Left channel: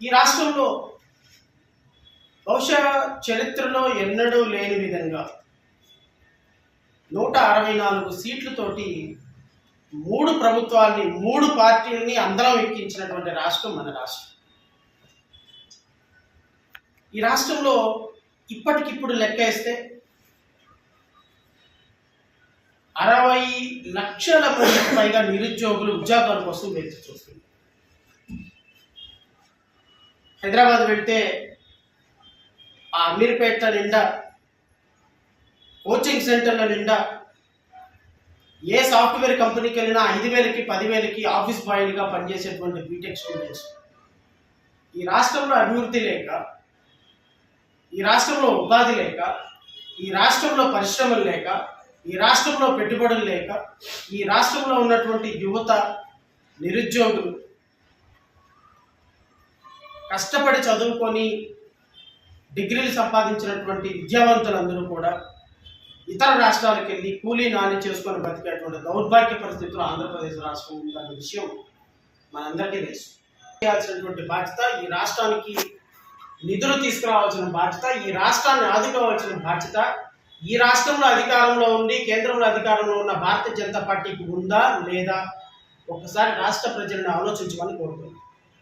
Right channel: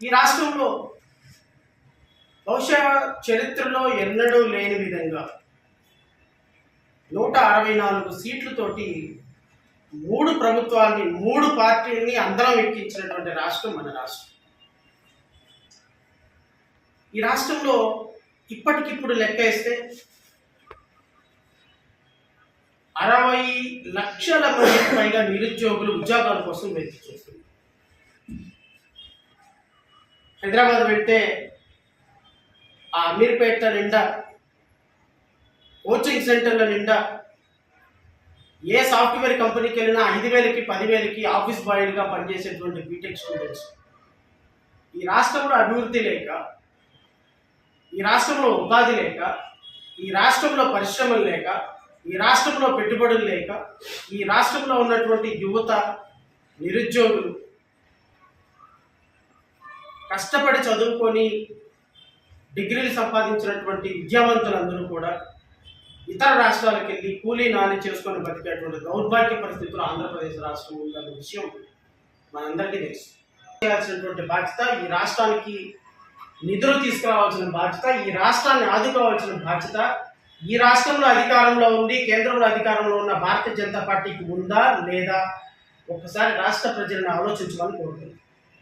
ఈ రాష్ట్రంలో బహుశా చరిత్రలో ఎన్నడూ లేని విధంగా 164 సీట్లతోటి 3 ప్రభుత్వాల్ని 3 పార్టీలని అందరం ఎక్కించినటువంటి రాష్ట్రం మన రాష్ట్రం. ఈ రాష్ట్రంలో ఇప్పటికిప్పుడు లెక్క వేస్తే 60 లక్షల మందికి పైగా నిరుద్యోగులు ఉద్యోగాల కోసం వెతికి చూస్తున్నారు. హైదరాబాద్ వెళ్తే ఆ అమీర్పేట నిండా, కోచింగ్ సెంటర్ల నిండా, ఏ సాఫ్ట్వేర్ కంపెనీకి వెళ్ళినా 5,000కి 10,000కి ఆఫీస్ బాయ్లుగా పనిచేసేటువంటి బీటెక్ స్టూడెంట్స్. ఈ రాష్ట్రంలో అభివృద్ధి లేక, ఈ రాష్ట్రంలో ఉపాధి లేక, ఈ రాష్ట్రంలో పరిశ్రమలు లేక, ఈ రాష్ట్రంలో పెట్టుబడులు లేక, ఈ రాష్ట్రంలో ఉన్నటువంటి యువత, నిరుద్యోగులు కష్టపడి చదువుకొని డిగ్రీలు సంపాదించినటువంటి విద్యావంతులందరూ కూడా ఇతర రాష్ట్రాలకు వెళ్ళి కూలీ నాని చేసుకొని బతికేటువంటి దౌర్భాగ్య పరిస్థితులు ఆంధ్రప్రదేశ్ రాష్ట్రం ఉందన్న విషయం మనందరికీ తెలుసు. చేయాల్సినటువంటి బాధ్యత, ఈ రాష్ట్రానికి నిధులు తీసుకురావాల్సిన బాధ్యత, ఈ రాష్ట్రాన్ని ఆదుకోవాల్సిన బాధ్యత ఈ రాష్ట్రంలో అధికారంలో ఉండి కేంద్రంలో అధికారంలో ఉన్న భారతీయ జనతా పార్టీకి ఉందా లేదా ఒక్కసారి రాష్ట్ర ప్రజలను ఆలోచించమని కోరుతున్నాను.